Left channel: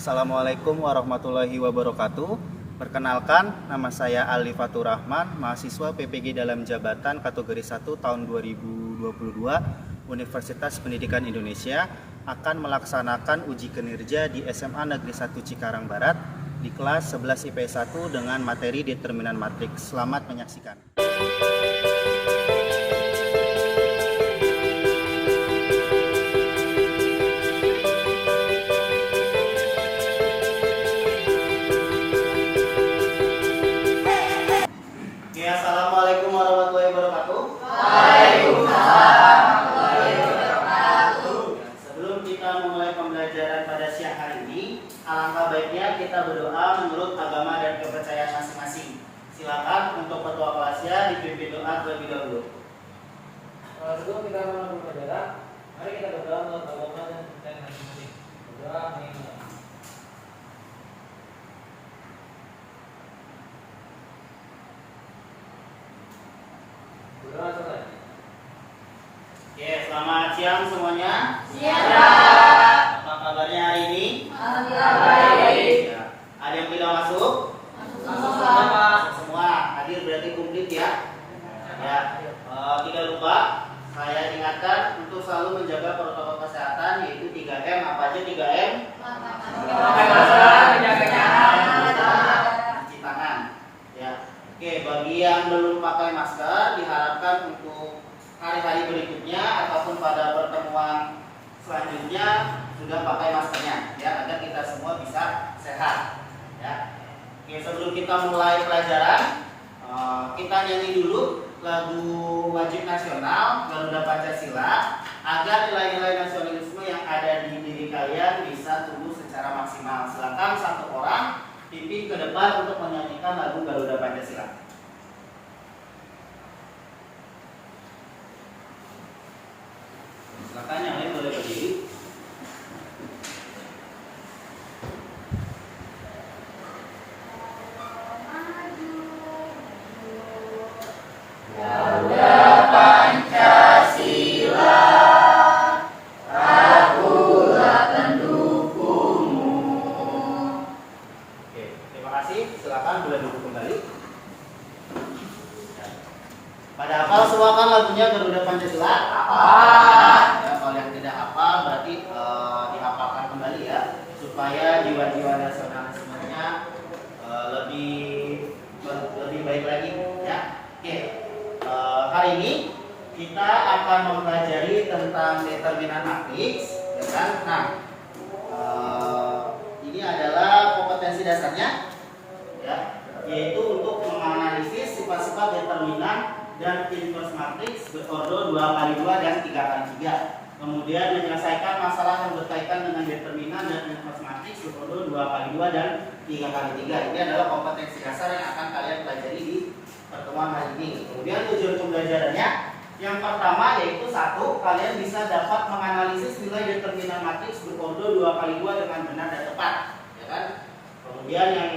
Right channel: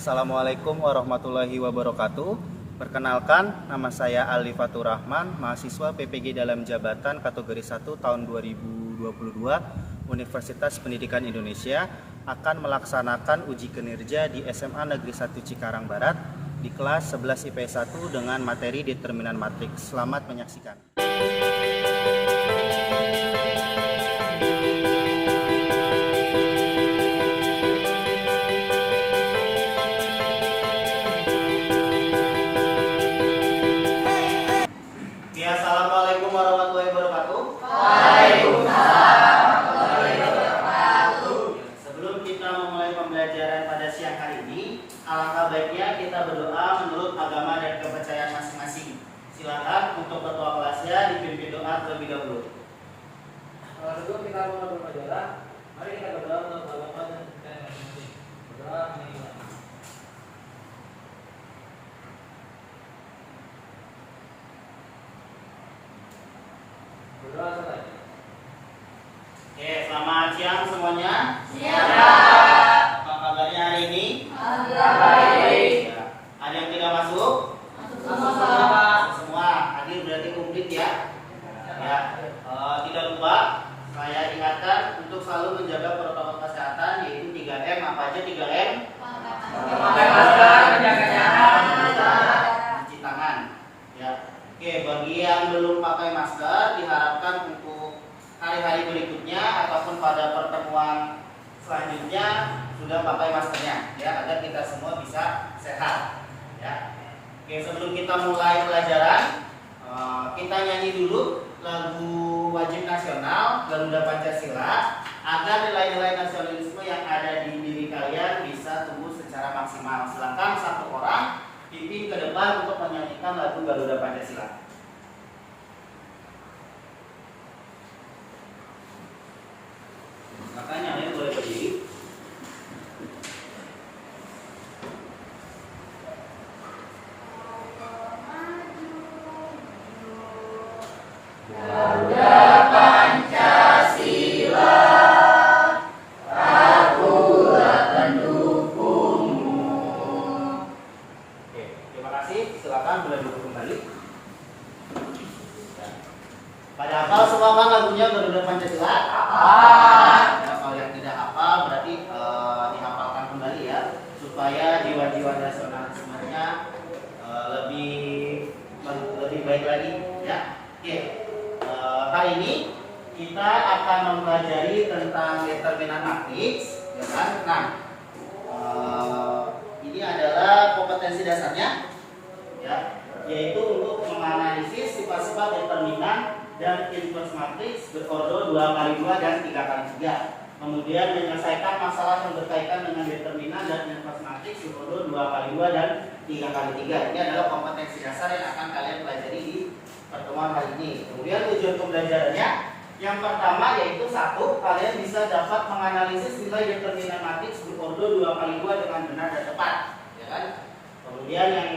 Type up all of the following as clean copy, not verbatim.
Assalamualaikum warahmatullahi wabarakatuh. Perkenalkan, nama saya Ali Fatur Rahman, mahasiswa PPG dalam jabatan kategori 1 tahun 2022 Universitas Pendidikan Indonesia akan melaksanakan uji kinerja di SMA Negeri 1 Cikarang Barat di kelas 11 IPS 1 dengan materi determinan matriks. Selamat menyaksikan. Assalamualaikum warahmatullahi wabarakatuh. Waalaikumsalam warahmatullahi wabarakatuh. Sebelum kita memulai pembelajaran pada siang hari ini, alangkah baiknya kita berdoa menurut agama dan kepercayaan masing-masing. Silakan untuk ketua kelasnya dipimpin doa terlebih dahulu. Sebelum kita mulai pembelajaran, mari kita berdoa menurut agama dan kepercayaan masing-masing. Berdoa mengingat. Oke, selamat siang semuanya. Siang. Apa kabarnya hari ini? Alhamdulillah baik. Ya. Ada yang tidak masuk? Semua hadir berarti komplit ya. Ya. Tidak lupa saya ingatkan untuk selalu menjaga protokol kesehatan, yaitu 3M. Apa aja 3M? Cuci tangan. Ya. Oke, bagi yang belum pakai masker diharapkan untuk hari-hari berikutnya ataupun pada pertemuan selanjutnya sudah pakai maskernya ya, agar kita semua bisa sehat ya. Oke, sebelum kita mulai pelajaran, kita nyanyi dulu lagu wajib nasional Garuda Pancasila agar nilai-nilai nasionalisme yang ada di diri kalian bisa tumbuh secara maksimal. Silakan satu orang pimpin ke depan untuk menyanyikan lagu Garuda Pancasila. Silakan yang lain boleh berdiri. Garuda Pancasila, akulah pendukungmu. Oke, terima kasih. Silakan boleh duduk kembali. Ya. Pada hafal semua kan lagunya Garuda Pancasila? Ya, kalau yang tidak hafal berarti dihafalkan kembali ya, supaya jiwa-jiwa nasionalismenya lebih baik lagi ya. Oke, hari ini kita akan mempelajari tentang determinan matriks, ya kan? Nah, ini adalah kompetensi dasarnya, ya, yaitu untuk menganalisis sifat-sifat determinan dan inverse matriks berordo 2x2 dan 3x3. Kemudian menyelesaikan masalah yang berkaitan dengan determinan dan inverse matriks berordo 2x2 dan 3x3. Ini adalah kompetensi dasar yang akan kalian pelajari di pertemuan hari ini. Kemudian tujuan pembelajarannya yang pertama yaitu satu, kalian bisa dapat menganalisis nilai determinan matriks berordo 2x2 dengan benar dan tepat, ya kan? Kemudian yang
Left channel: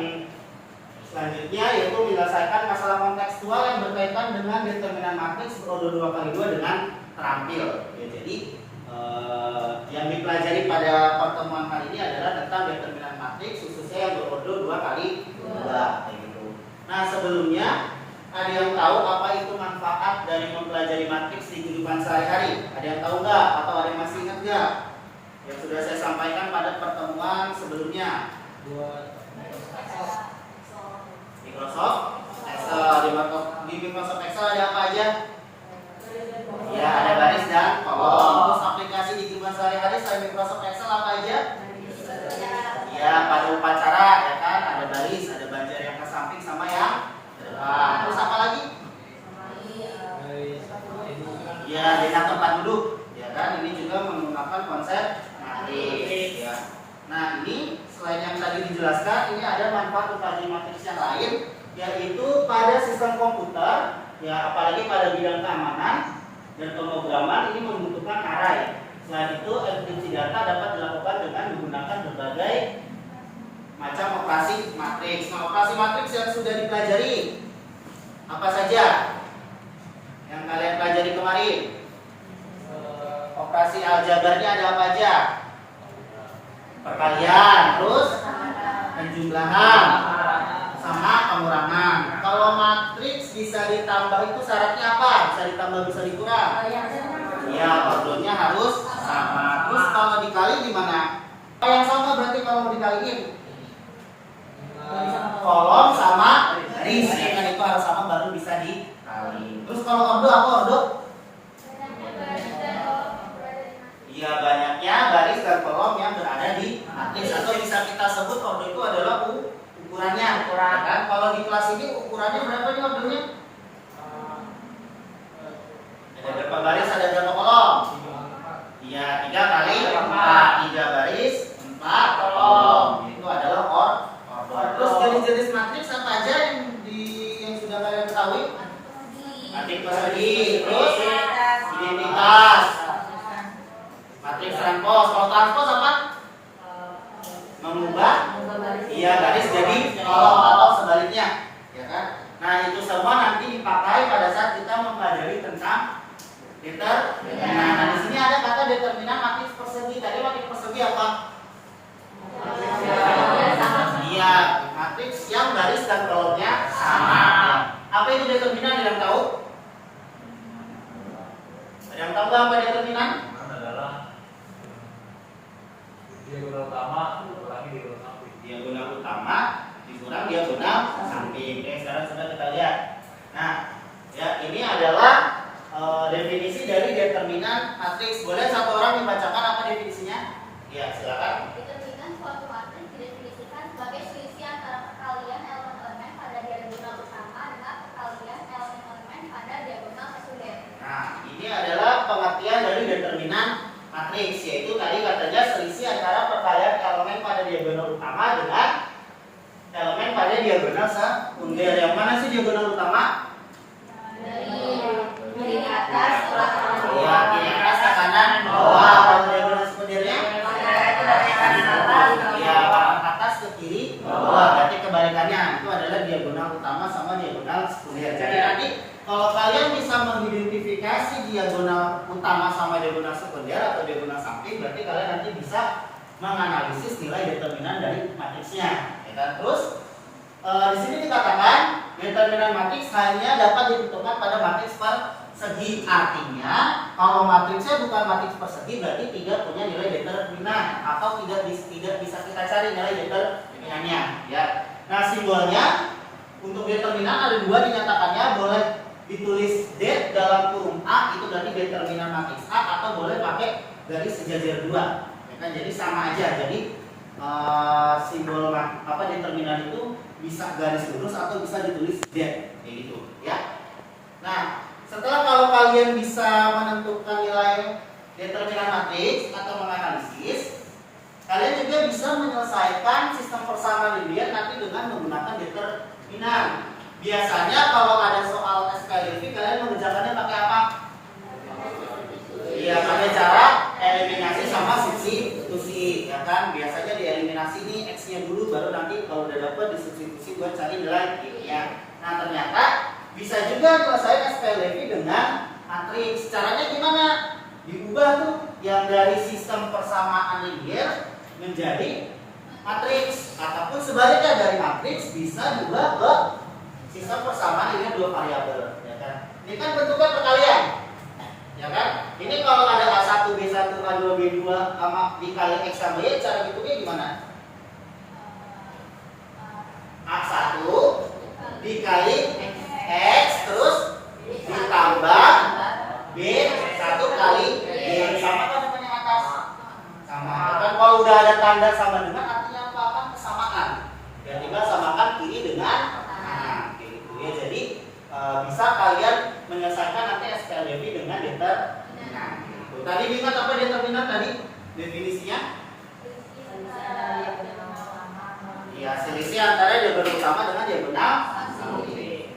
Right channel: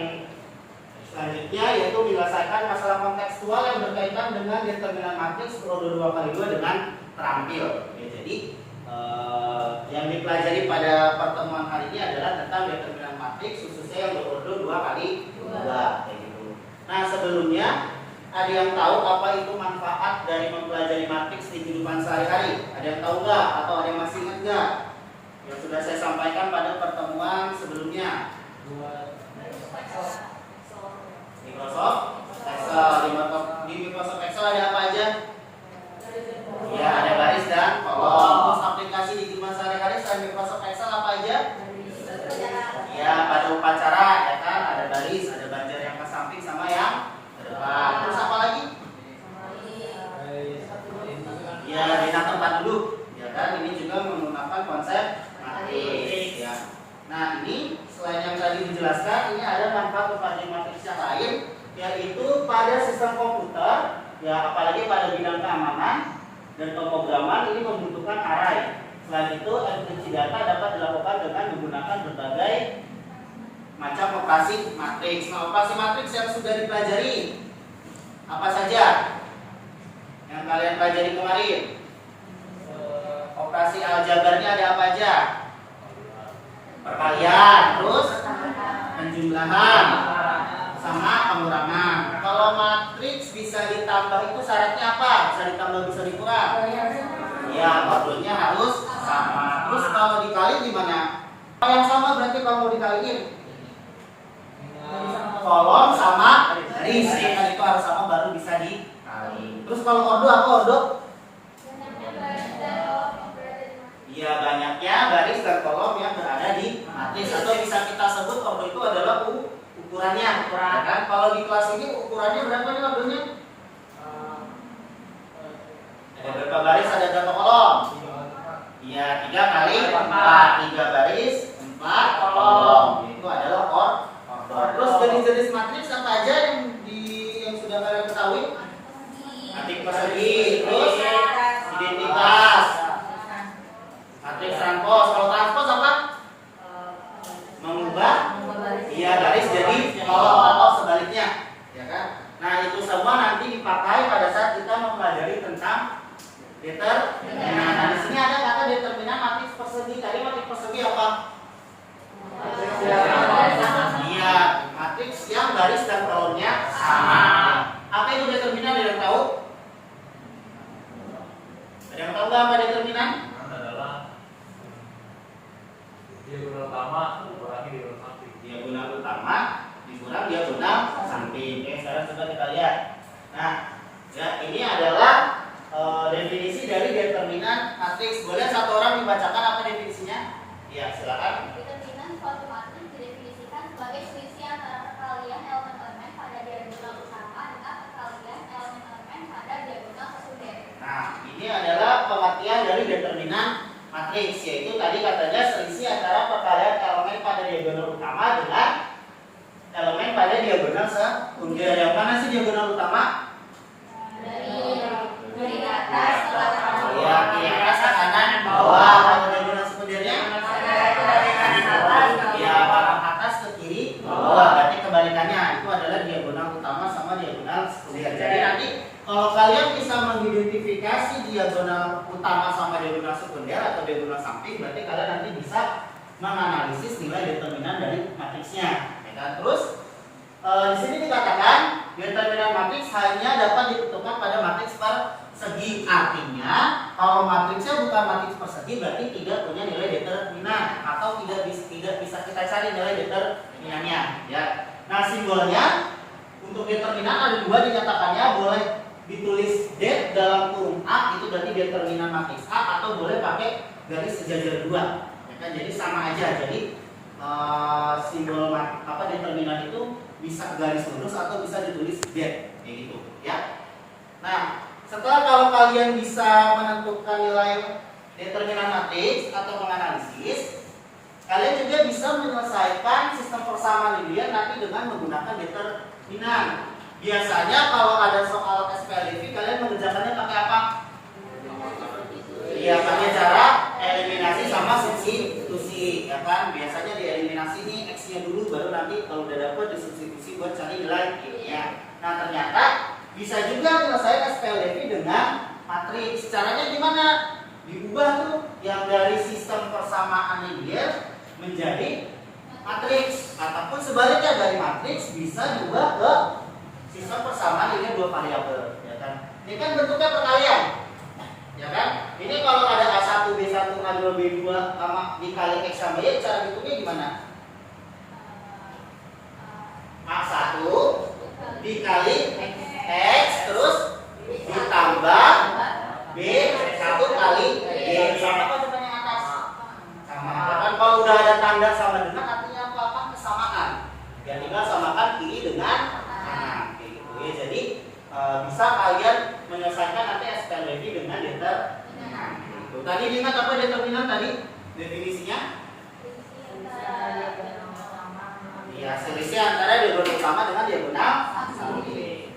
selanjutnya yaitu menyelesaikan masalah kontekstual yang berkaitan dengan determinan matriks berordo 2x2 dengan terampil. Ya, jadi yang dipelajari pada pertemuan hari ini adalah tentang determinan matriks khususnya yang berordo 2x2 kayak gitu. Nah, sebelumnya ada yang tahu apa itu manfaat dari mempelajari matriks di kehidupan sehari-hari? Ada yang tahu nggak? Atau ada yang masih ingat nggak? Yang sudah saya sampaikan pada pertemuan sebelumnya. Microsoft Excel. Di Microsoft Excel ada apa aja? Ya, ada baris dan kolom. Terus aplikasi di kehidupan sehari-hari selain Microsoft Excel apa aja? Ya, pada upacara ya kan, ada baris, ada banjar yang ke samping sama yang ke depan. Terus apa lagi? Ya, bintang tempat duduk. Ya kan, ini juga menggunakan konsep matriks ya. Nah, ini selain yang tadi dijelaskan, ini ada manfaat mempelajari matriks yang lain, yaitu pada sistem komputer, ya apalagi pada bidang keamanan dan pemrograman ini membutuhkan array. Selain itu, enkripsi data dapat dilakukan dengan menggunakan berbagai macam operasi matriks. Nah, operasi matriks yang sudah dipelajari apa saja? Yang kalian pelajari kemarin? Operasi aljabarnya ada apa aja? perkalian, terus penjumlahan sama pengurangan. Kalau matriks bisa ditambah itu syaratnya apa? Bisa ditambah, bisa dikurang? Ya, ordonya harus sama. Terus kalau dikali gimana? Kalau yang sama berarti kalau mau dikaliin kolom sama baris, ya kan, itu harus sama baru bisa dikali. Terus kalau ordo apa ordo? Iya, banyaknya baris dan kolom yang berada di matriks, atau bisa kita sebut ordo itu adalah ukurannya. Ya kan? Kalau di kelas ini ukurannya berapa nih ordonya? Ada berapa baris, ada berapa kolom? Iya, 3 kali 4, 3 baris, 4 kolom. Itu adalah ordo. Terus jenis-jenis matriks apa aja yang sudah kalian ketahui? Matriks persegi, terus identitas, matriks transpos. Kalau transpos apa? Mengubah, iya, garis jadi kolom atau sebaliknya, ya kan? Nah, itu semua nanti dipakai pada saat kita mempelajari tentang determinan. Nah, di sini ada kata determinan matriks persegi. Tadi matriks persegi apa? Iya, matriks yang garis dan kolomnya sama. Apa itu determinan? Ada yang tahu? Ada yang tahu nggak apa determinan? Adalah diagonal utama dikurangi diagonal samping. Diagonal utama dikurang diagonal samping. Oke, sekarang coba kita lihat. Nah, ya, ini adalah definisi dari determinan matriks. Boleh satu orang dibacakan apa definisinya? Ya, silakan. Determinan suatu matriks didefinisikan sebagai selisih antara perkalian elemen-elemen pada diagonal utama dengan perkalian elemen-elemen pada diagonal sekunder. Nah, ini adalah pengertian dari determinan matriks, yaitu tadi katanya selisih antara perkalian elemen pada diagonal utama dengan elemen pada diagonal sekunder. Yang mana sih diagonal utama? Dari atas ke bawah. Ya, di atas ke kanan bawah. Kalau diagonal sekundernya? Ya, atas ke kiri bawah. Berarti kebalikannya itu adalah diagonal utama sama diagonal sekunder. Jadi nanti kalau kalian bisa mengidentifikasi diagonal utama sama diagonal sekunder atau diagonal samping, berarti kalian nanti bisa menganalisis nilai determinan dari matriksnya. Ya kan? Terus di sini dikatakan determinan matriks hanya dapat ditentukan pada matriks persegi. Artinya kalau matriksnya bukan matriks persegi berarti tidak punya nilai determinan atau tidak bisa kita cari nilai determinannya. Ya. Nah, simbolnya untuk determinan ada dua dinyatakannya, boleh ditulis det dalam kurung A, itu berarti determinan matriks A, atau boleh pakai garis sejajar 2. Ya kan? Jadi sama aja. Jadi simbol determinan itu bisa garis lurus atau bisa ditulis det, kayak gitu, ya. Nah, setelah kalau kalian bisa menentukan nilai determinan matriks atau menganalisis, kalian juga bisa menyelesaikan sistem persamaan linear nanti dengan menggunakan determinan. Biasanya kalau ada soal SPLDV kalian mengerjakannya pakai apa? Iya, pakai cara eliminasi sama substitusi, ya kan? Biasanya dieliminasi nih X-nya dulu, baru nanti kalau udah dapet disubstitusi buat cari nilai Y-nya. Nah, ternyata bisa juga menyelesaikan SPLDV dengan matriks. Caranya gimana? Diubah tuh yang dari sistem persamaan linear menjadi matriks, ataupun sebaliknya dari matriks bisa diubah ke sistem persamaan linear 2 variabel, ya kan? Ini kan bentuknya perkalian, ya kan? Ini kalau ada A1, B1, A2, B2 sama dikali X sama Y, cara hitungnya gimana? A1 dikali X terus ditambah B1 kali Y, sama kan dengan yang atas? Sama. Kan kalau udah ada tanda sama dengan artinya apa? Kan kesamaan. Ya tinggal samakan kiri dengan kanan, kayak gitu ya. Jadi bisa kalian menyelesaikan nanti SPLDV dengan determinan. Tadi ingat apa determinan tadi? Definisinya? Ya, selisih antara diagonal utama dengan diagonal samping.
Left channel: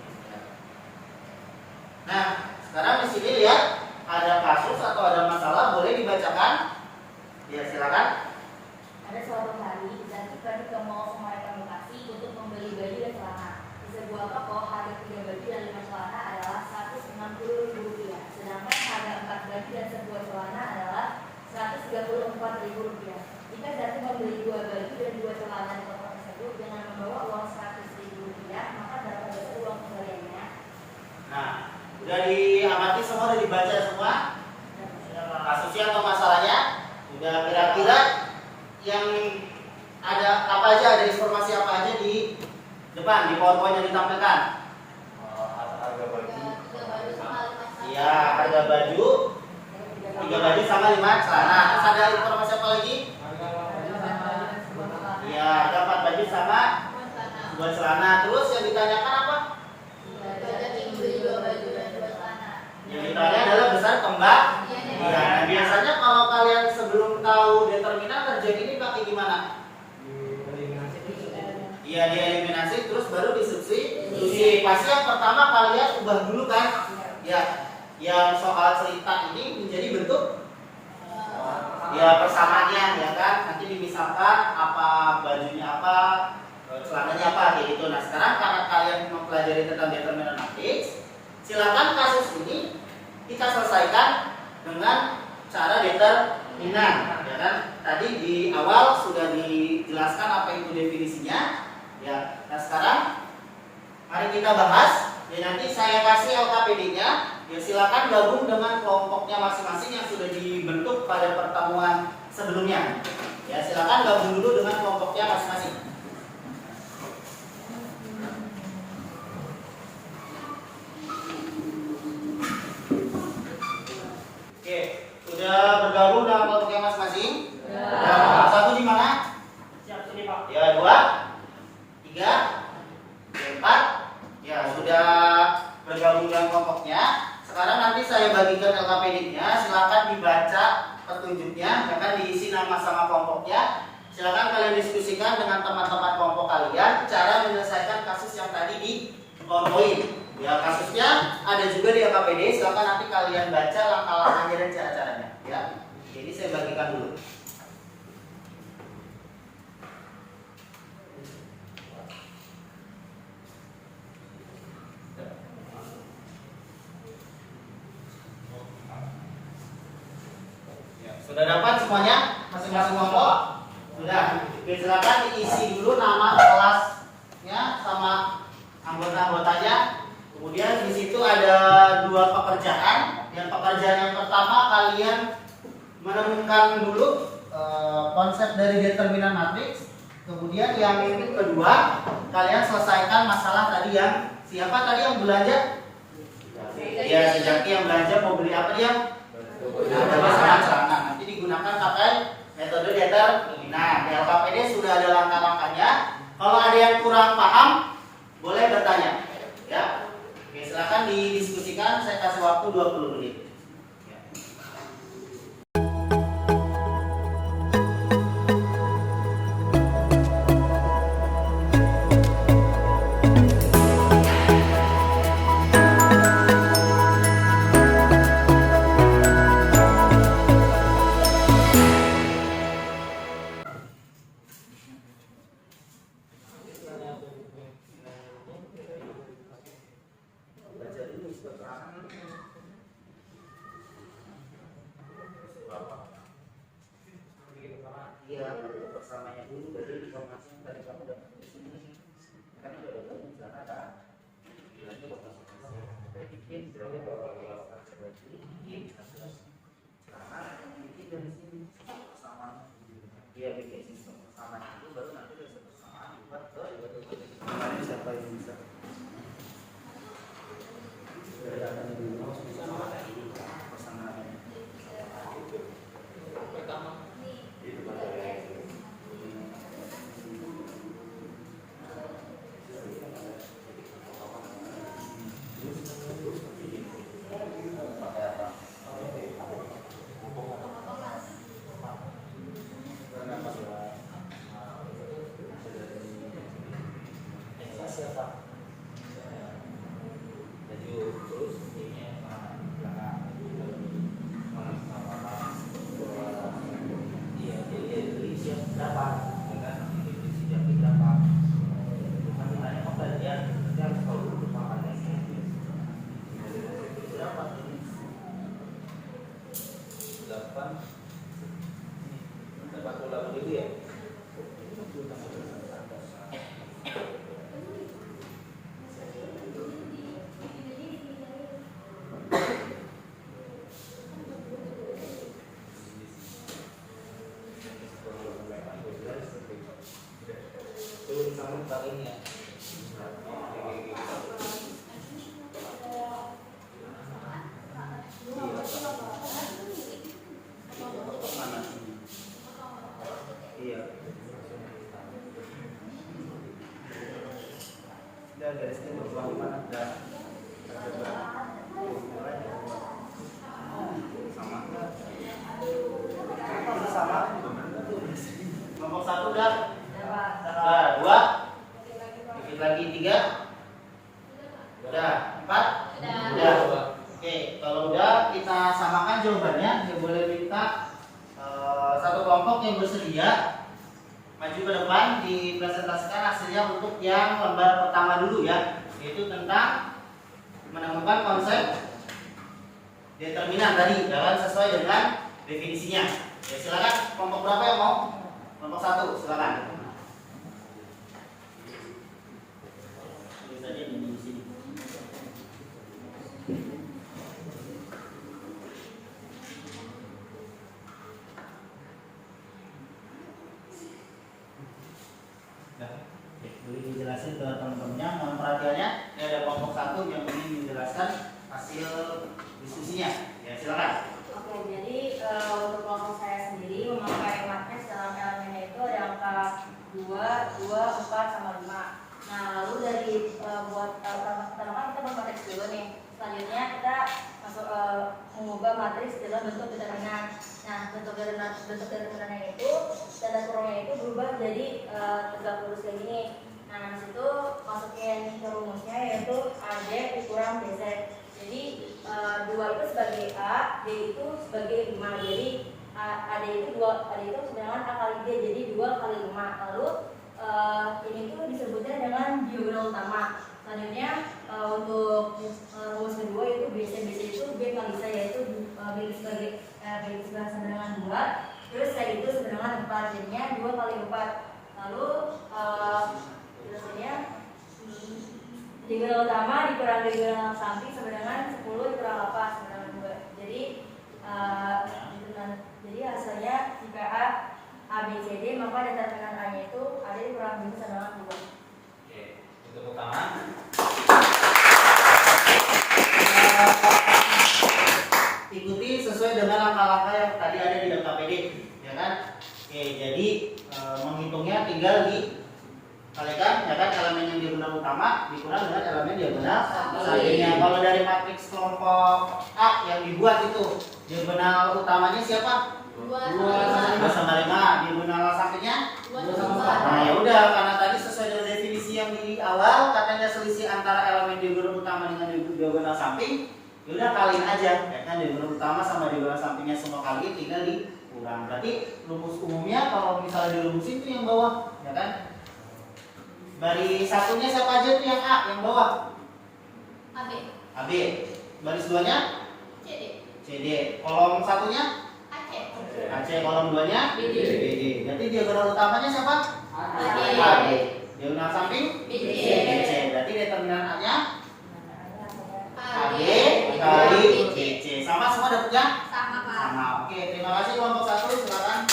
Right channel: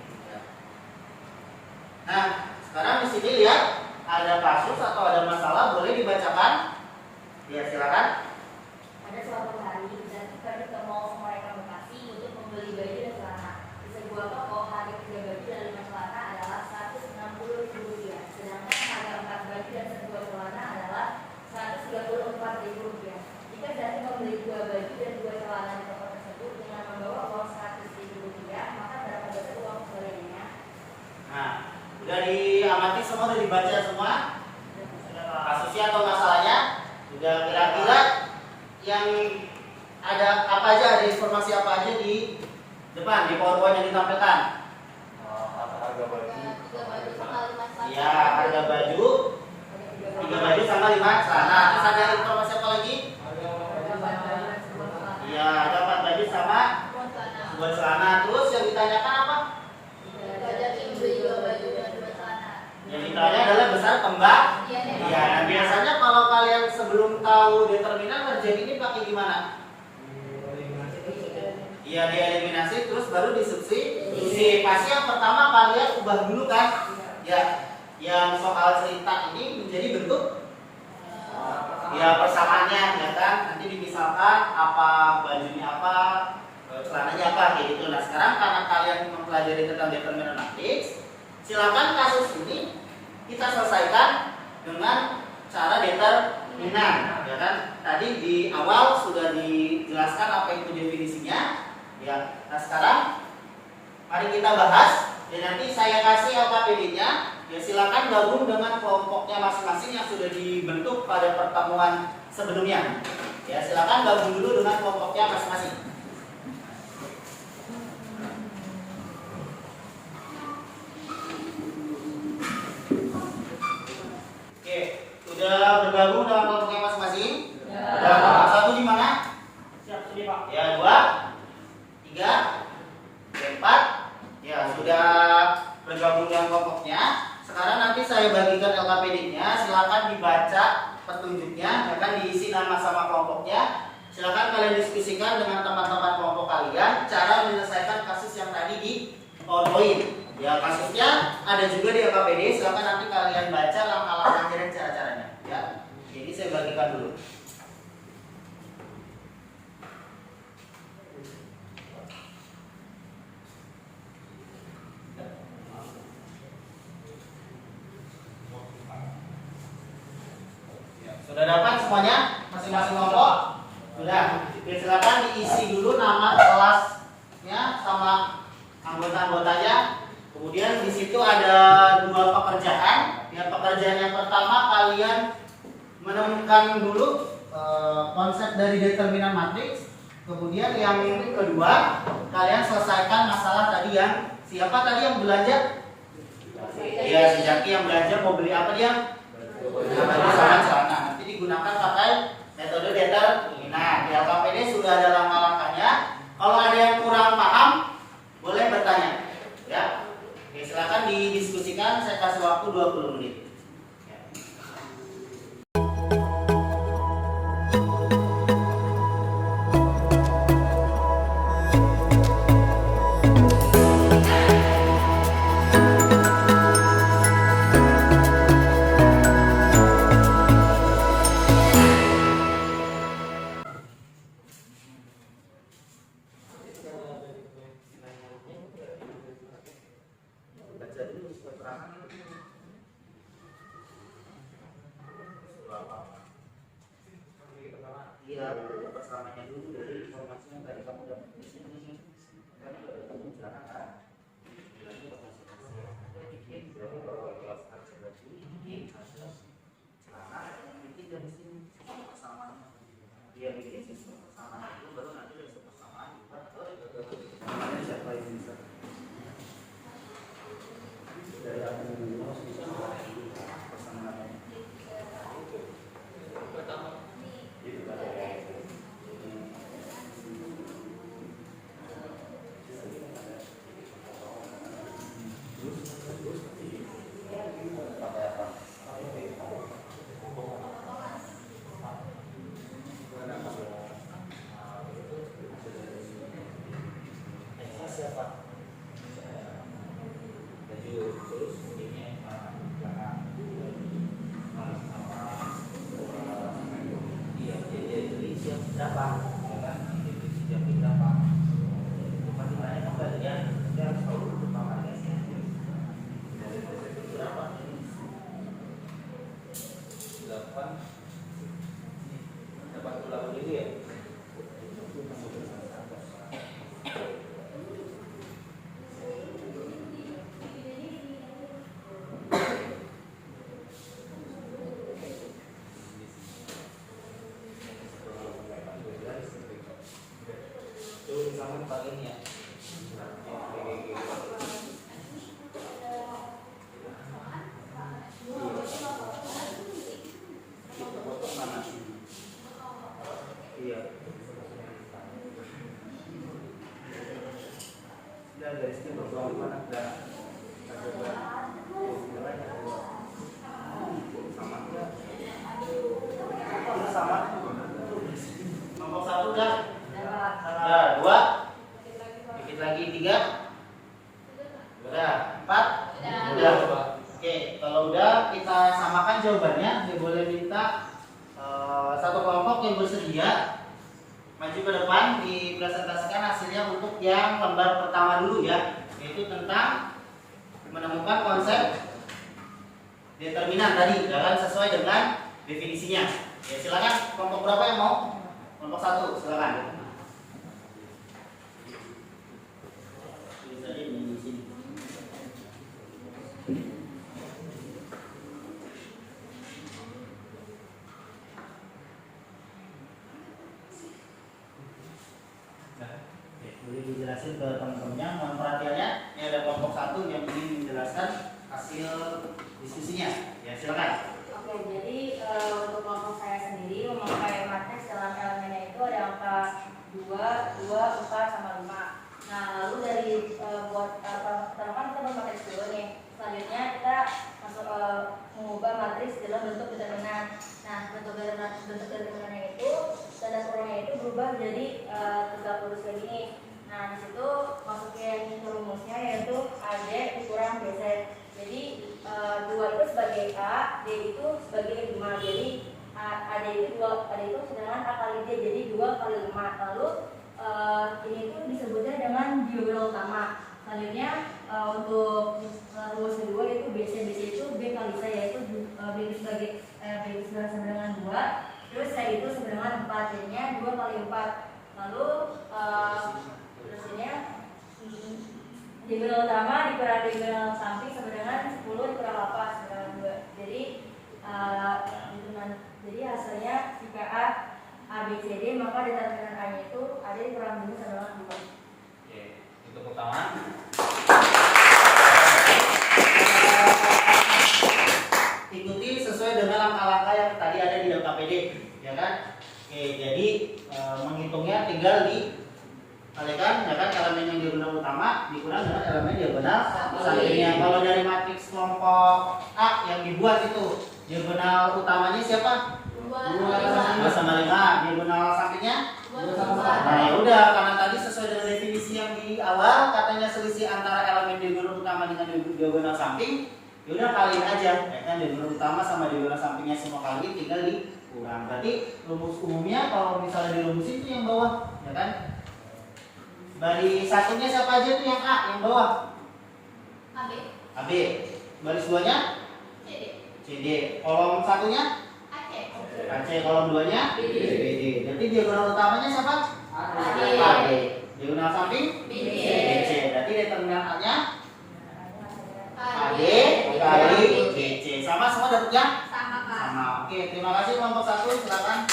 Nah, sekarang di sini lihat ada kasus atau ada masalah, boleh dibacakan? Ya, silakan. Ada suatu hari, Zanti pergi ke mall Semarang Bekasi untuk membeli baju dan celana. Di sebuah toko, harga 3 baju dan 5 celana adalah Rp160.000, sedangkan harga 4 baju dan sebuah celana adalah Rp134.000. Jika Zaki membeli 2 baju dan 2 celana di toko tersebut dengan membawa uang 100.000 rupiah, maka berapa besar uang kembaliannya? Nah, udah diamati semua, udah dibaca semua kasusnya atau masalahnya. Sudah kira-kira yang ada apa aja, ada informasi apa aja di depan, di PowerPoint yang ditampilkan. Harga baju. 3 baju sama 5 celana. Iya, harga baju 3 baju sama 5 celana. Terus ada informasi apa lagi? Iya, ada 4 baju sama 2 celana. Terus yang ditanyakan apa? Zaki membeli 2 baju dan 2 celana. Yang ditanya adalah besar kembang. Iya, nah biasanya kalau kalian sebelum tahu determinan terjadi ini pakai gimana? Iya, dieliminasi terus baru disubstitusi. Pasti yang pertama kalian ubah dulu kan? Ya, yang soal cerita ini menjadi bentuk ya persamaannya, ya kan? Nanti dimisalkan apa bajunya apa, celananya apa kayak gitu. Nah, sekarang karena kalian mempelajari tentang determinan matriks, silakan kasus ini kita selesaikan dengan cara determinan, ya kan? Tadi di awal sudah dijelaskan apa itu definisinya. Ya, nah sekarang mari kita bahas. Ya, nanti saya kasih LKPD-nya. Ya, silakan gabung dengan kelompoknya masing-masing yang sudah dibentuk pada pertemuan sebelumnya. Ya, silakan gabung dulu dengan kelompoknya masing-masing. Oke, sudah bergabung dengan kelompoknya masing-masing? Ya. Kelompok 1 di mana? Siap, sini Pak. Ya, 2, 3, 4. Ya, sudah bergabung dengan kelompoknya. Sekarang nanti saya bagikan LKPD-nya. Silakan dibaca petunjuknya, akan diisi nama sama kelompoknya. Silakan kalian diskusikan dengan teman-teman kelompok kalian cara menyelesaikan kasus yang tadi di PowerPoint. Ya, kasusnya ada juga di LKPD. Silakan nanti kalian baca langkah-langkahnya dan cara-caranya. Ya, jadi saya bagikan dulu. Sudah dapat semuanya? Masing-masing kelompok? Sudah. Oke, silakan diisi dulu nama kelasnya sama anggota-anggotanya. Kemudian di situ ada 2 pekerjaan. Yang pekerjaan yang pertama kalian menemukan dulu konsep dari determinan matriks. Kemudian yang kedua kalian selesaikan masalah tadi yang siapa tadi yang belanja? Ya, si Jaki yang belanja mau beli apa dia? Baju sama celana. Nanti digunakan pakai metode determinan. Di LKPD sudah ada langkah-langkahnya. Kalau ada yang kurang paham, boleh bertanya. Ya, oke, silakan didiskusikan. Saya kasih waktu 20 menit. Ya. Baca dulu keterangan. Iya, bersamanya dulu dari informasi yang tadi kamu dapat di sini. Kan udah ketemu sana kan? Bilangnya bakal bikin berarti kalau kelas kerja bikin karena bikin dari sini persamaan. Dia bikin sistem persamaan itu baru nanti bisa persamaan dibuat ke kemarin siapa yang bisa dari apa yang dulu bisa persamaan pertama itu pada pakai apa? Siapa? Baju terus ini belakang. Iya, dia beli siap berapa? Ya kan? Dia beli siap berapa? Bukan ditanya pembelian, dia harus tahu dulu pamannya. Berapa? 8. Dapat $1 ya. Itu disambung pakai ini ya. Mana? Iya. Udah garisnya berbawah mana? Udah. Sama enggak? Ini sama. Kelompok 1 udah. Udah 2. Dikit lagi 3. Udah 4. Udah. Oke, kalau udah kita samakan jawabannya. Dia boleh minta satu kelompok yang bersedia maju ke depan dipresentasikan hasilnya untuk yang lembar pertama dulu ya, yaitu tentang menemukan konsep determinan tadi dengan sesuai dengan definisinya. Ya, silakan kelompok berapa yang mau? Kelompok 1, silakan. Ini saja di sini. Boleh dijelasin ke teman-temannya, mohon perhatiannya. Ini ada kelompok 1 yang ingin menjelaskan hasil diskusinya. Ya, silakan. Oke, jadi untuk kelompok saya sendiri memakai matriks dalam elemennya itu ada angka 2, 2, 4, sama 5. Nah, lalu dari buat pertama kan kita bermatriks dulu nih. Selanjutnya kita masuk mengubah matriks dalam bentuk determinan. Nah, bentuk determinannya itu tanda kurungnya itu berubah jadi tegak lurus kayak gini. Nah, di situ masukin ke rumusnya yaitu AD dikurang BC. Jadi 2 itu sebagai A, D itu sebagai 5. Jadi AD itu 2, AD itu sedangkan A kali D, jadi 2 kali 5. Lalu ini itu disebutnya dengan diagonal utama. Selanjutnya untuk rumus kedua itu BC itu B kali C, yaitu B sebagai B sama dengan 2, terus C itu sama dengan 4, jadinya 2 kali 4. Lalu terusnya diagonal utama dikurang diagonal samping sama dengan 10 dikurang 8 sama dengan 2. Jadi hasilnya jika A, B, C, D, maka determinan A nya itu ada dikurang 5 sama dengan 2. Oke, untuk pertama Ikuti sesuai dengan langkah-langkah yang tadi ada di LKPD, ya kan? Oke, jadi menghitungnya tinggal dikalikan, ya kan? Elemen yang diagonal utama dikurang dengan elemen diagonal sampingnya. Kalau dari matriks kelompok A yang dibuat itu diagonal utamanya siapa? 2 sama 5. Diagonal sampingnya 2 sama 4. Nah, ya udah, karena tadi sesuai dengan definisi yang di awal katanya selisih antara elemen diagonal utama dengan diagonal samping. Ya udah kaliin aja, ya kan? Diagonal utama sama diagonal sampingnya semua kali, tinggal dikurang. Berarti rumus umumnya kalau misalnya dirumusin itu yang bawah, ya kan? Baris satunya siapa aja tuh yang A, yang bawah? AB. AB. Baris 2-nya? CD. CD. Kolom satunya? AC. AC. Kolom 2-nya? BD. BD. Berarti diagonal utamanya siapa? AD. AD. Diagonal samping? BC. BC. Berarti determinan A-nya AD kali kali BC. Sama semua dapetnya? sama Kak. Sama. Oke, terima kasih kelompok 1, silakan.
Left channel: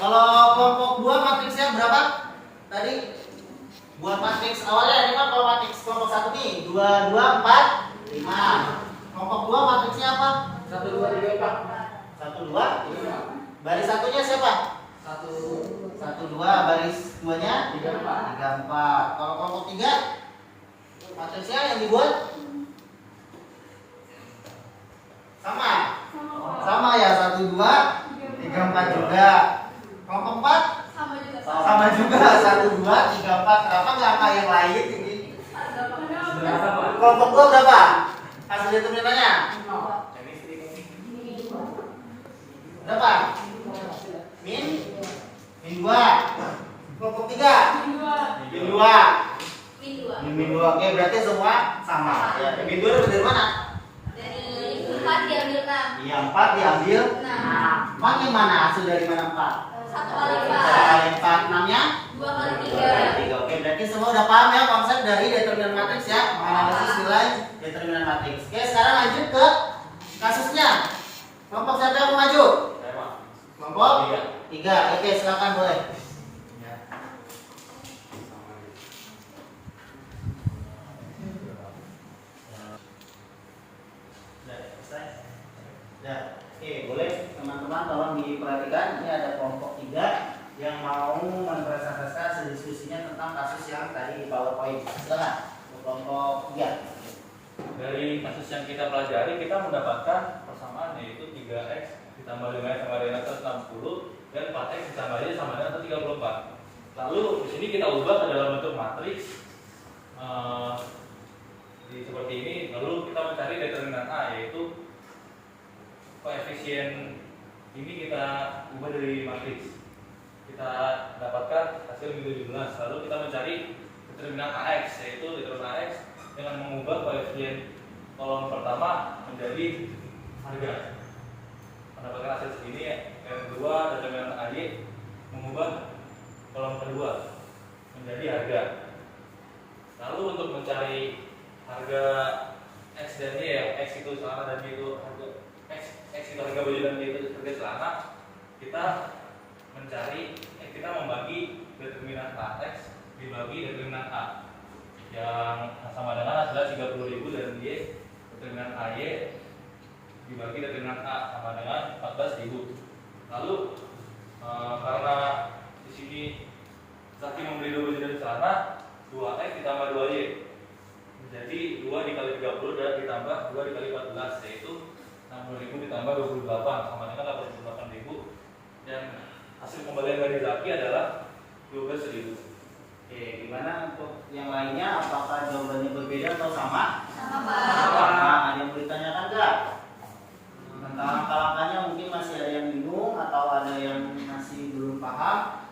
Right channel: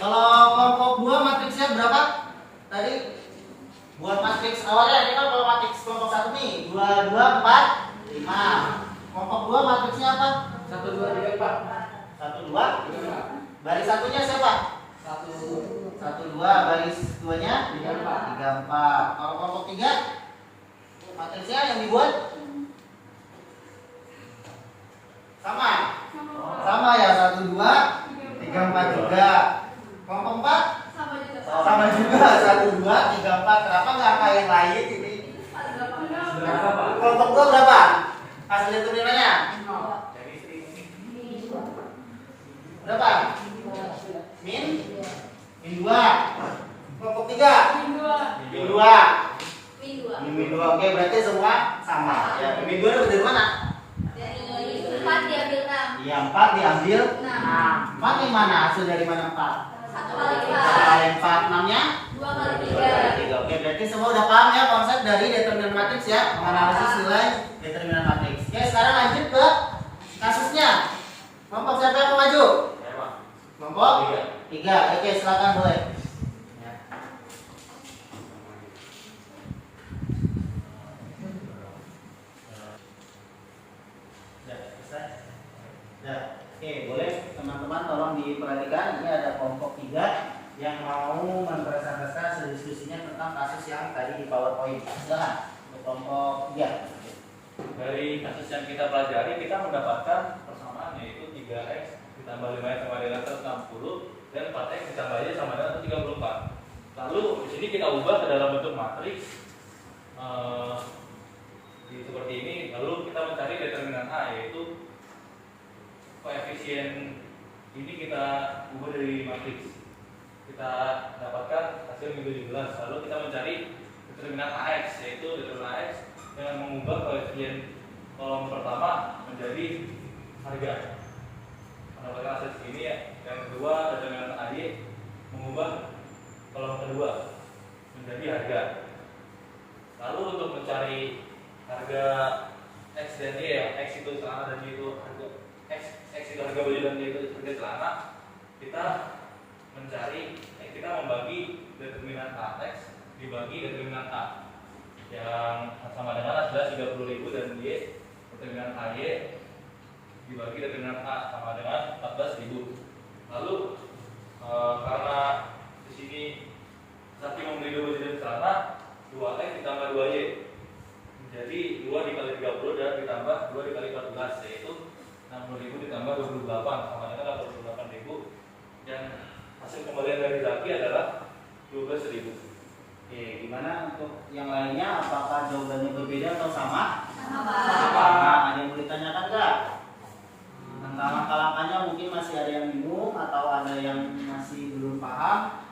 Kalau kelompok 2 matriksnya berapa? Tadi buat matriks awalnya ini kan kalau matriks kelompok 1 nih 2, 2, 4, 5. Kelompok 2 matriksnya apa? 1, 2, 3, 4. 1, 2. Baris satunya siapa? 1, 2. Baris 2-nya 3, 4. Kalau kelompok 3 matriksnya yang dibuat sama? Sama ya, 1, 2, 3, 4 juga. Kelompok 4 sama juga 1, 2, 3, 4. Kenapa nggak angka yang lain ini? Berapa, Pak? Kelompok 2 berapa? Hasil determinannya berapa? Min 2. Kelompok 3 min 2. Min 2. Oke, berarti semua sama. Ya, min 2 dari mana? Dari 4 diambil 6. Iya, 4 diambil 6. 4 yang mana? Hasil dari mana 4? 1 kali 1 4. kali 4, 6-nya? 2 kali 2 kali 3. Oke, berarti semua udah paham ya konsep dari determinan matriks ya, menganalisis nilai determinan matriks. Oke, sekarang lanjut ke kasusnya. Kelompok siapa yang mau maju? Kelompok 3. Oke, silakan boleh. Sudah selesai? Sudah. Oke, boleh teman-teman tolong diperhatikan. Ini ada kelompok 3 yang mau mempresentasikan hasil diskusinya tentang kasus yang tadi di PowerPoint. Silakan. Untuk kelompok 3. Dari kasus yang kita pelajari, kita mendapatkan persamaan yaitu 3x ditambah 5x sama dengan 160 dan 4x ditambah y sama dengan 134. Lalu di sini kita ubah ke dalam bentuk matriks seperti ini. Lalu kita mencari determinan A, yaitu koefisien ini kita ubah dari matriks. Kita dapatkan hasil minggu 17. Lalu kita mencari determinan AX, yaitu determinan AX dengan mengubah koefisien kolom pertama menjadi harga. Mendapatkan hasil segini ya. Yang kedua determinan AY mengubah kolom kedua menjadi harga. Lalu untuk mencari harga X dan Y, ya, X itu celana dan Y itu harga X itu harga baju dan Y itu harga celana, kita membagi determinan AX dibagi determinan A yang sama dengan hasilnya 30.000 dan Y determinan AY dibagi determinan A sama dengan 14.000. Lalu karena di sini Sakti membeli 2 baju dan celana, 2X ditambah 2Y menjadi 2 dikali 30 dan ditambah 2 dikali 14, yaitu 60.000 ditambah 28 sama dengan 88.000, dan hasil pembelian dari Zaki adalah 12.000. Oke, gimana untuk yang lainnya? Apakah jawabannya berbeda atau sama? Sama. Sama. Ada yang mau ditanyakan nggak? Tentang langkah-langkahnya mungkin masih ada yang bingung atau ada yang masih belum paham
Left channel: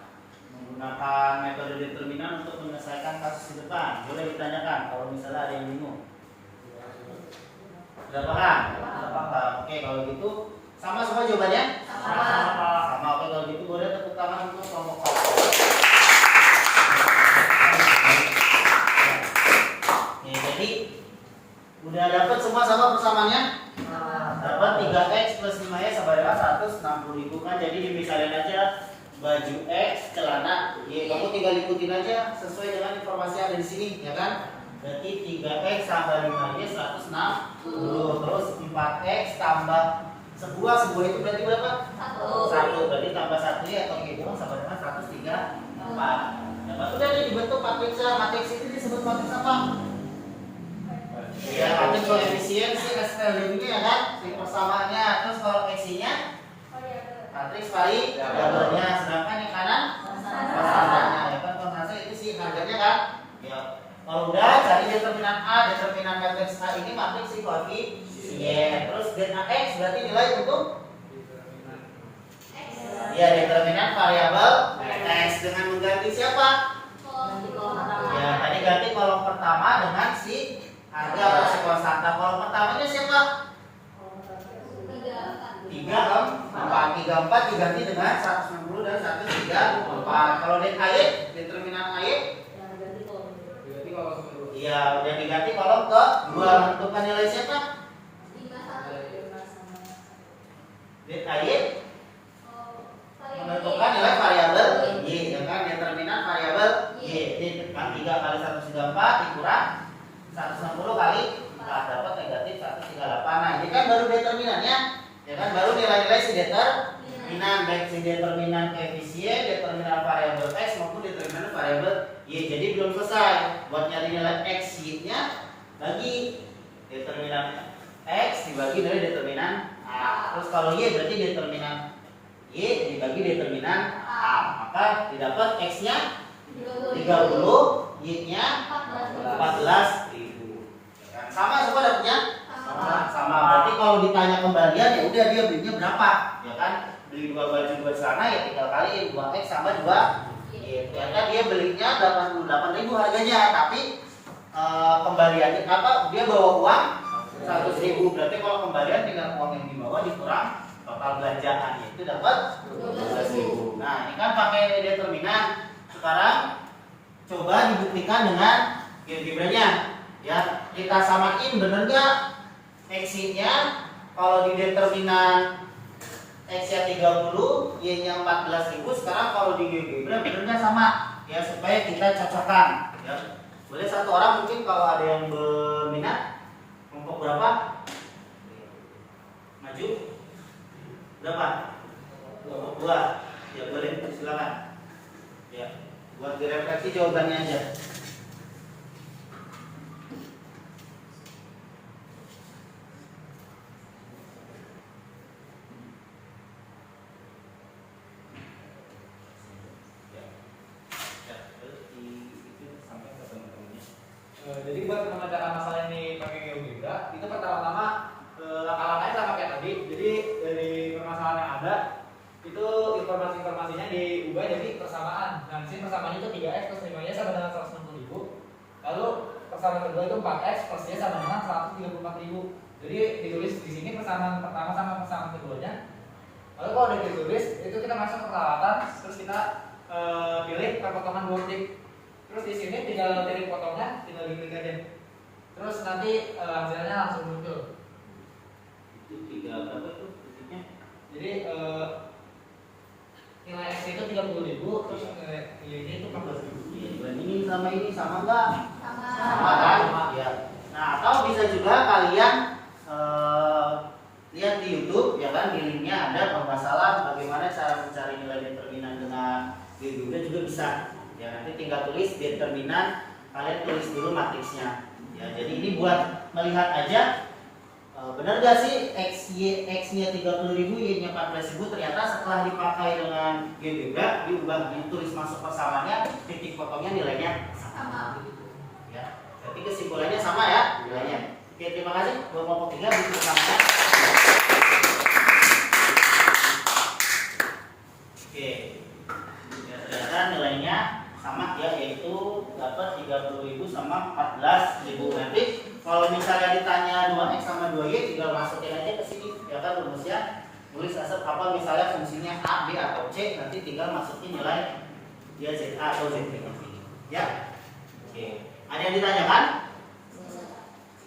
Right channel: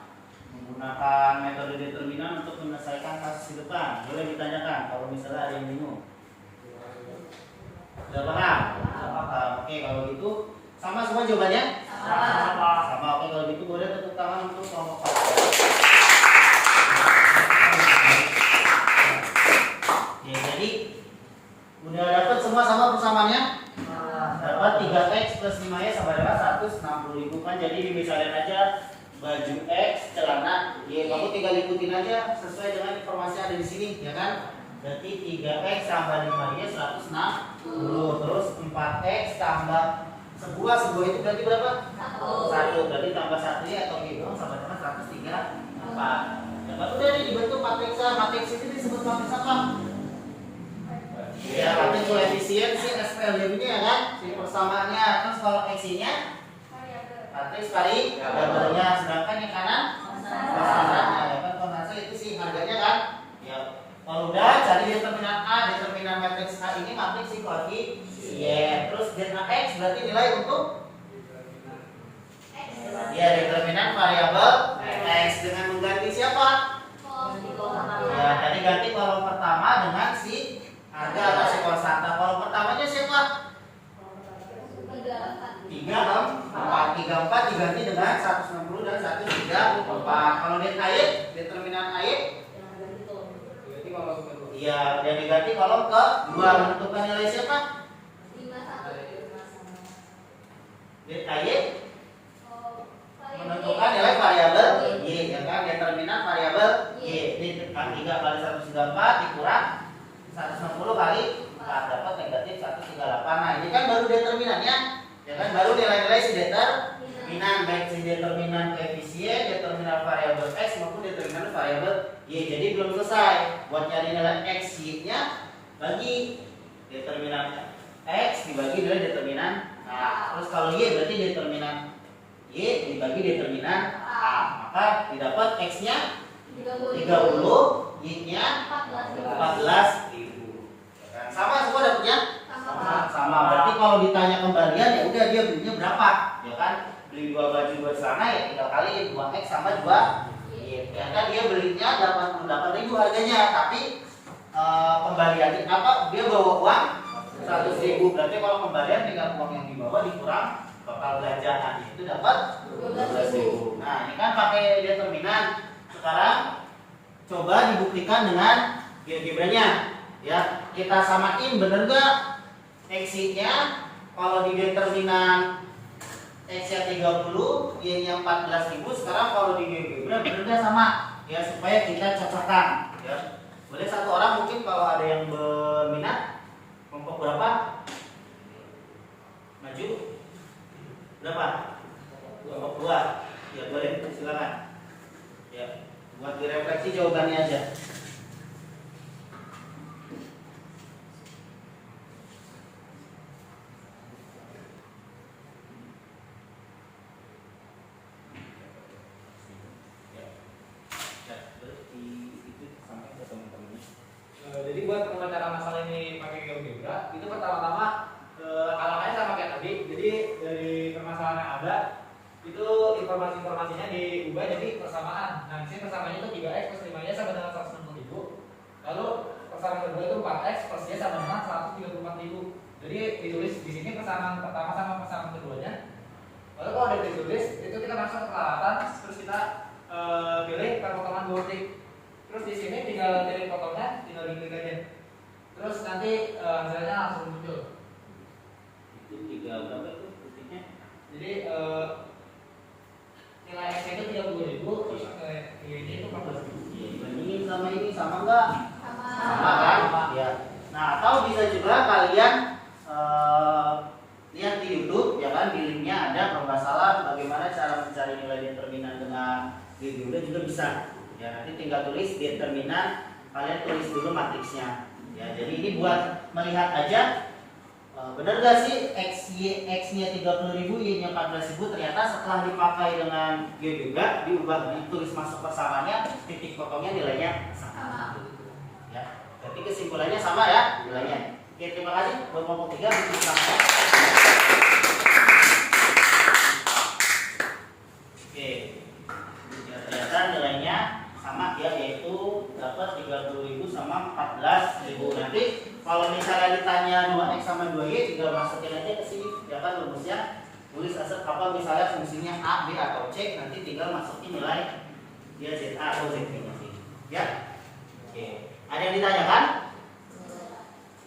menggunakan metode determinan untuk menyelesaikan kasus di depan. Boleh ditanyakan kalau misalnya ada yang bingung. Sudah paham? Sudah paham. Oke, kalau gitu sama semua jawabannya? Sama. Oke, kalau gitu boleh tepuk tangan untuk kelompok 4. Oke, jadi udah dapat semua sama persamaannya? Dapat 3x plus 5y sama dengan 160.000 kan. Jadi misalnya aja baju X, celana Y, kamu tinggal ikutin aja sesuai dengan informasi yang ada di sini, ya kan? Berarti 3x tambah 5y 160, terus 4x tambah sebuah itu berarti berapa? 1. Berarti tambah 1 y atau gitu sama dengan 134. Nah, baru udah dibentuk matriks. Matriks itu disebut matriks apa? Ya, matriks koefisien si SL ini ya kan? Si persamaannya. Terus kalau X-nya matriks variabelnya, sedangkan yang kanan konstannya. Ya kan, konstanta itu sih harganya kan? Ya. Kalau udah cari determinan A, determinan matriks A ini matriks si koefisien. Terus delta X berarti nilai untuk ya determinan variabel X dengan mengganti siapa? Ya, tadi ganti kolom pertama dengan si harga atau si konstanta. Kolom pertamanya siapa? 34 diganti dengan 160 dan 134. Kalau determinan AY iya udah diganti kolom ke 2, menentukan nilai siapa? AY menentukan nilai variabel Y, ya kan? Determinan variabel Y. Ini kan 3 kali 134 dikurang 160 kali 4 dapat negatif 138. Nah, ini kan baru determinannya, ya kan? Baru nilai-nilai si determinan, baik si determinan koefisien, determinan variabel X maupun determinan variabel Y. Jadi belum selesai. Buat nyari nilai X Y-nya bagi determinan X dibagi dari determinan A. Terus kalau Y berarti determinan Y dibagi determinan A, maka didapat X-nya 30, Y-nya 14.000. Sama semua dapatnya? Sama. Berarti kalau ditanya kembalian ya udah dia belinya berapa, ya kan? Beli 2 baju 2 celana ya tinggal kaliin 2X sama 2Y. Ternyata dia belinya 88.000 harganya, tapi kembaliannya apa? Dia bawa uang 100.000. Berarti kalau kembalian tinggal uang yang dibawa dikurang total belanjaan itu dapat 12.000. Nah, ini kan pakai determinan. Sekarang coba dibuktikan dengan GeoGebra-nya. Ya, kita samain bener nggak X-nya kalau di determinan X-nya 30, Y-nya 14.000. Sekarang kalau di GeoGebra bener nggak sama? Ya, supaya kita cocokkan. Ya, boleh satu orang mungkin kalau ada yang berminat. Kelompok berapa? Maju. Berapa? Kelompok 2. Ya boleh, silakan. Ya, buat direfleksi jawabannya aja. Jadi buat pengacara masalah ini pakai GeoGebra, itu pertama-tama langkah-langkahnya sama kayak tadi. Jadi dari permasalahan yang ada itu informasinya diubah jadi persamaan. Nah, di sini persamaannya itu 3x plus 5y sama dengan 160.000. Lalu persamaan kedua itu 4x plus y sama dengan 134.000. Jadi ditulis di sini persamaan pertama sama persamaan keduanya. Lalu kalau udah ditulis itu kita masuk ke peralatan, terus kita pilih perpotongan dua titik. Terus di sini tinggal pilih potongnya, tinggal diklik aja. Terus nanti hasilnya langsung muncul. Itu 3 berapa itu titiknya? Jadi nilai X itu 30.000, terus Y-nya itu 14.000. Iya, dibandingin sama ini sama enggak? Sama. Sama kan? Ya. Nah, atau bisa juga kalian lihat di YouTube, ya kan, di linknya ada pembahasan bagaimana cara mencari nilai determinan dengan GeoGebra juga bisa. Ya, nanti tinggal tulis determinan, kalian tulis dulu matriksnya. Ya, jadi ini buat melihat aja benar gak sih X-nya 30.000, Y-nya 14.000. Ternyata setelah dipakai dengan GeoGebra diubah, ditulis masuk persamaannya, titik potongnya nilainya sama. Ya, berarti kesimpulannya sama ya nilainya. Oke, terima kasih buat kelompok 3 bikin sama. Oke, ya, ternyata nilainya sama ya, yaitu dapat 30.000 sama 14.000. Nanti kalau misalnya ditanya 2x sama 2y tinggal masukin aja ke sini ya kan rumusnya, tulis asal apa misalnya fungsinya a, b atau c, nanti tinggal masukin nilai dia z a atau z b nya sini ya. Oke, ada yang ditanyakan?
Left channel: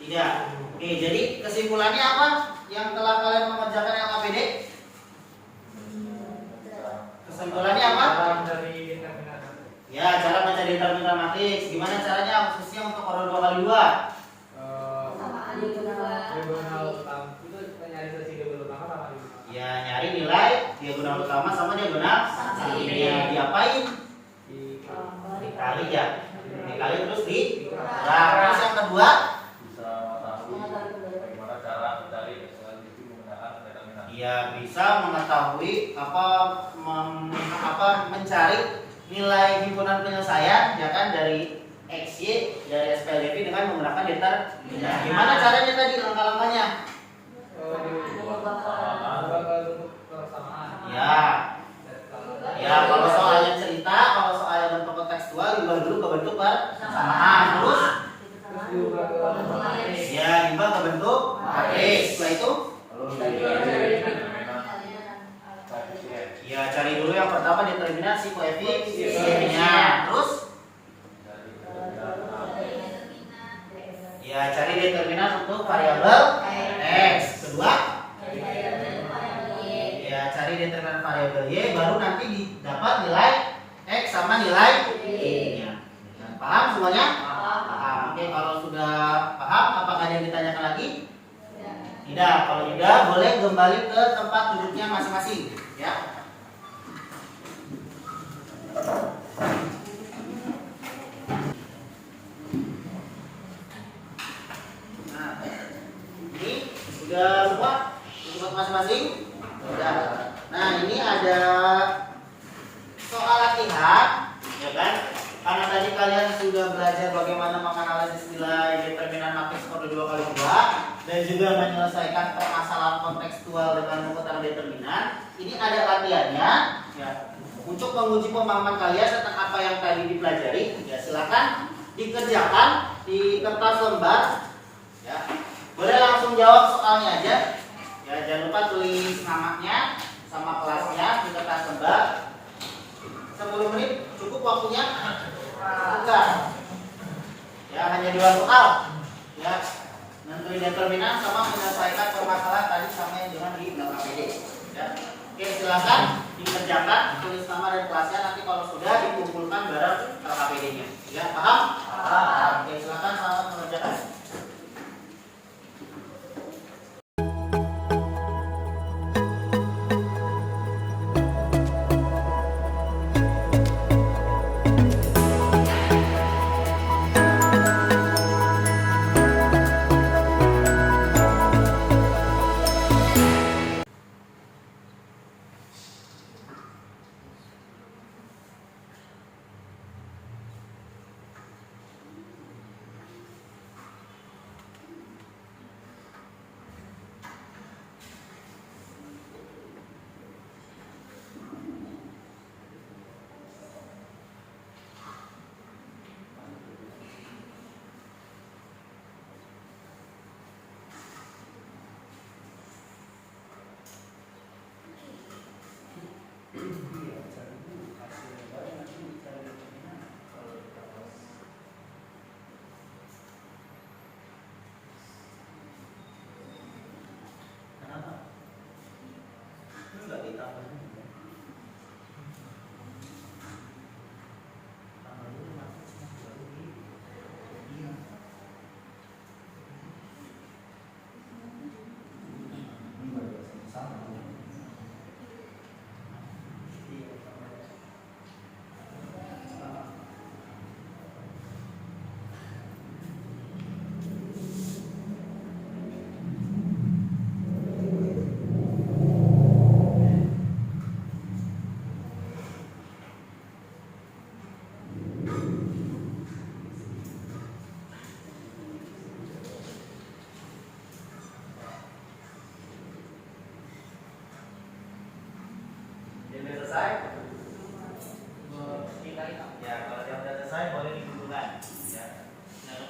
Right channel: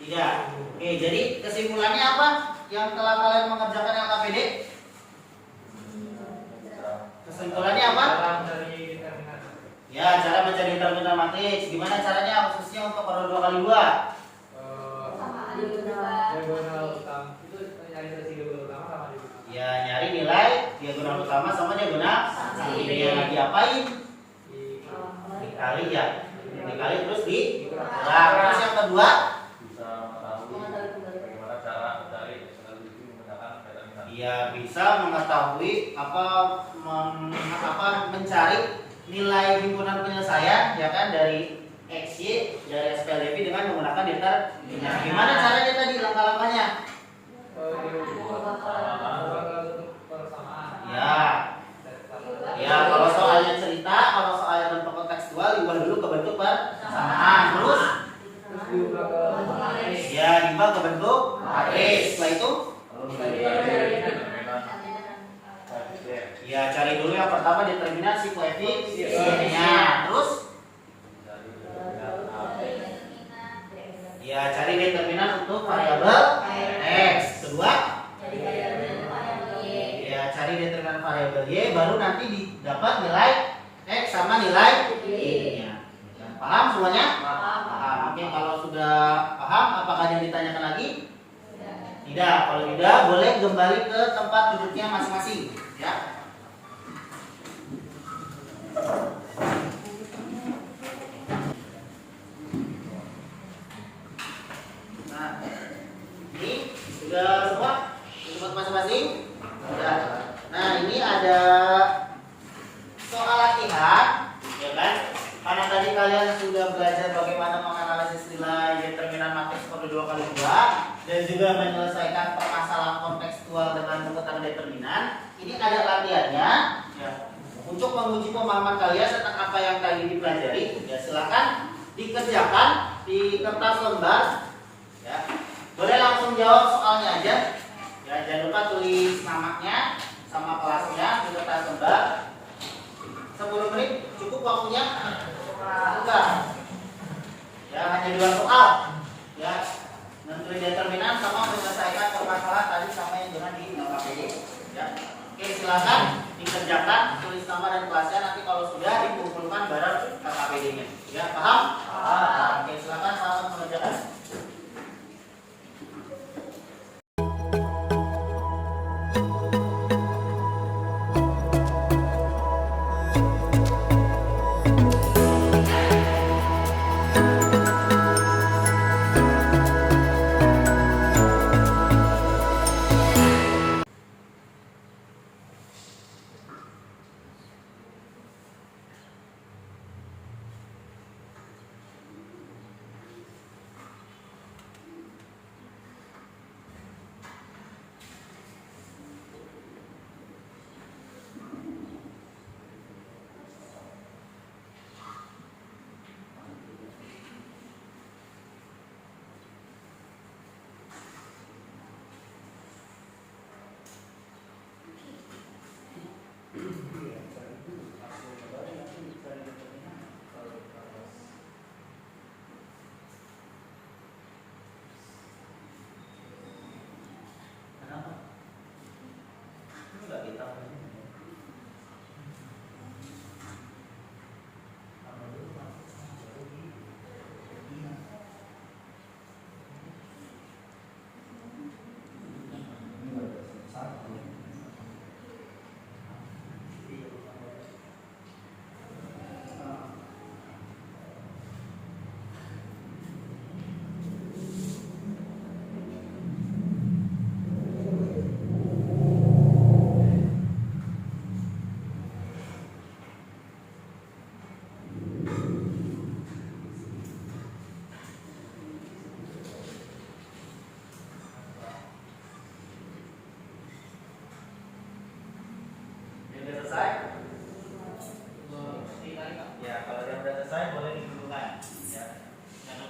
Tidak. Oke, jadi kesimpulannya apa yang telah kalian mengerjakan LKPD? Kesimpulannya apa? Dari determinan. Ya, cara mencari determinan matriks. Gimana caranya khususnya untuk order 2 kali 2? Diagonal utama itu nyari selisih diagonal utama sama diagonal. Ya, nyari nilai diagonal utama sama diagonal sampingnya. Diapain? Dikali ya. Dikali terus terus yang kedua Bisa mengetahui bagaimana cara mencari eksternalitas menggunakan determinan. ya bisa mengetahui mencari nilai himpunan penyelesaian ya kan dari XY dari SPLDV dengan menggunakan determinan. Gimana caranya tadi langkah-langkahnya? Ya. Ya, kalau soalnya cerita, kalau soalnya bentuk kontekstual diubah dulu ke bentuk persamaan. Terus ya diubah ke bentuk matriks. Setelah itu ya cari dulu yang pertama determinan si koefisiennya. Terus ya cari determinan untuk variabel x. Kedua ya cari determinan variabel y, baru nanti didapat nilai x sama nilai y-nya. Paham semuanya? Paham. Oke, kalau sudah paham, apakah ada yang ditanyakan lagi? Tidak. Kalau tidak, boleh kembali ke tempat duduknya masing-masing. Ya. Nah, ini sudah semua di tempat masing-masing. Sudah. Nah, ini ada soal latihan, ya kan? Karena tadi kalian sudah belajar bagaimana menganalisis nilai determinan matriks per 2 kali 2 dan juga menyelesaikan permasalahan kontekstual dengan menggunakan determinan. Ini ada latihannya, ya. Untuk menguji pemahaman kalian tentang apa yang tadi dipelajari, ya silakan dikerjakan di kertas lembar, ya. Boleh langsung jawab soalnya aja. Ya, jangan lupa tulis namanya sama kelasnya di kertas lembar. 10 menit cukup waktunya? Enggak. Ya, hanya 2 soal. Ya, nentuin determinan sama menyelesaikan permasalahan tadi sama yang dengan di KPD. Ya. Oke, silakan dikerjakan, tulis nama dan kelasnya, nanti kalau sudah dikumpulkan bareng KPD-nya. Ya, paham? Paham. Oke, silakan selamat mengerjakan.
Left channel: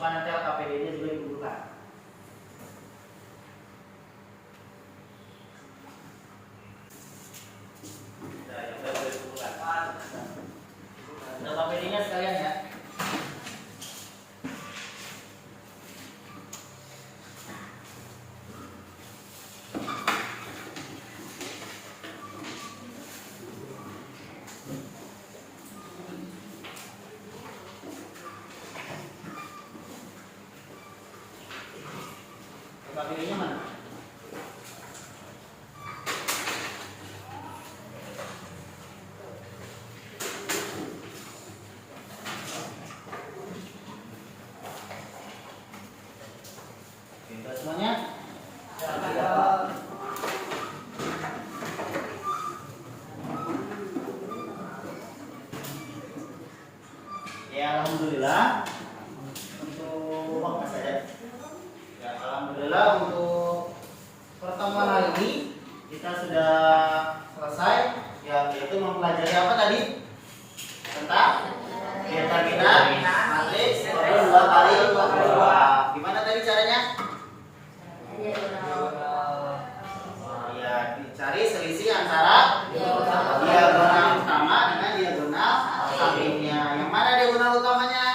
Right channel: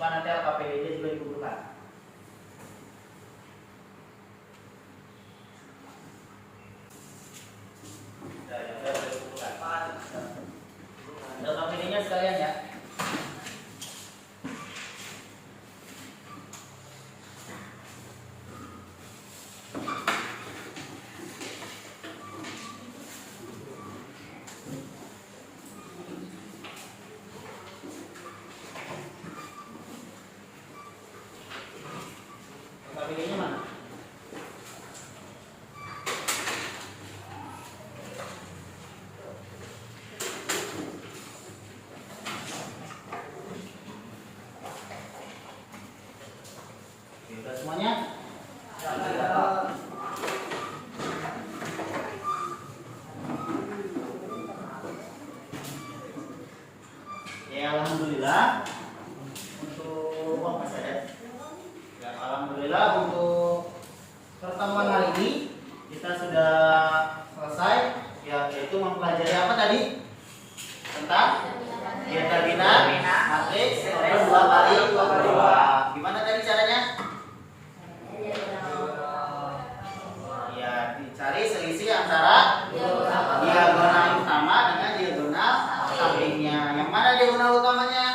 Nanti KPD-nya juga digugurkan. Nah, juga boleh digugurkan. Ada KPD-nya sekalian ya. KPD-nya mana? Kita semuanya? Ya, alhamdulillah. Untuk apa saja? Ya, alhamdulillah untuk pertemuan hari ini kita sudah selesai, ya, yaitu mempelajari apa tadi? Tentang determinan matriks order 2 kali 2. Gimana tadi caranya? Ya, dicari selisih antara diagonal utama dengan diagonal sampingnya. Yang mana diagonal utamanya?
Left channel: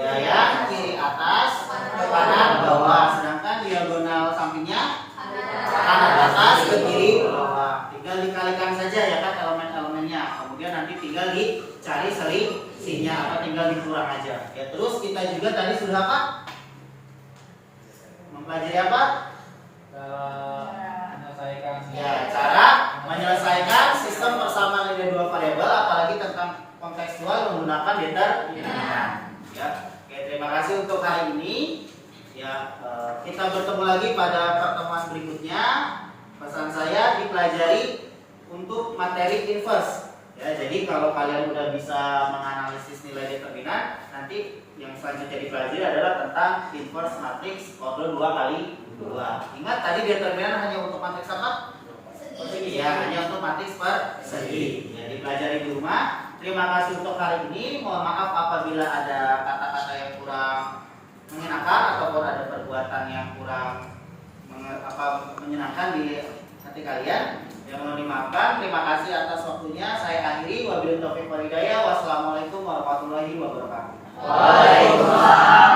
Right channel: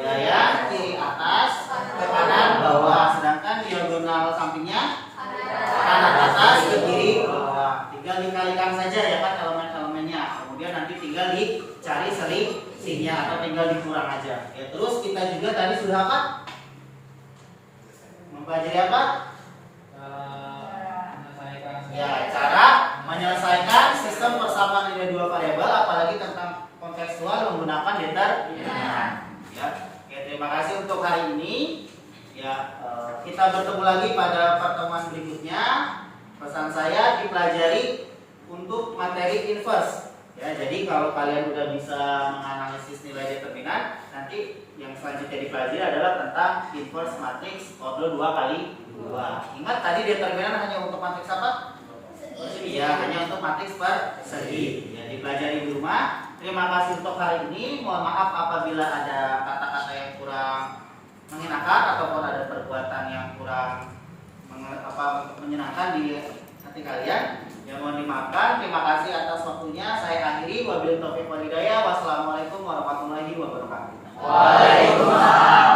Ya, yang kiri atas ke kanan bawah, sedangkan diagonal sampingnya kanan atas ke kiri bawah. Tinggal dikalikan saja ya kan elemen-elemennya. Kemudian nanti tinggal dicari selisihnya atau tinggal dikurang aja. Ya, terus kita juga tadi sudah apa? Mempelajari apa? Ya, cara menyelesaikan sistem persamaan nilai 2 variabel, apalagi tentang kontekstual menggunakan determinan. Ya, oke, terima kasih untuk hari ini. Ya, kita bertemu lagi pada pertemuan berikutnya. Pesan saya dipelajari untuk materi inverse. Ya, jadi kalau kalian udah bisa menganalisis nilai determinan, nanti yang selanjutnya dipelajari adalah tentang inverse matriks order 2 kali 2. Ingat tadi determinan hanya untuk matriks apa? Persegi. Ya, hanya untuk matriks persegi. Ya, dipelajari di rumah. Terima kasih untuk hari ini. Mohon maaf apabila ada kata-kata yang kurang mengenakan ataupun ada perbuatan yang kurang menyenangkan di hati kalian, yang mohon dimaafkan. Terima kasih atas waktunya. Saya akhiri. Wabillahi taufiq wal hidayah. Wassalamualaikum warahmatullahi wabarakatuh. Waalaikumsalam.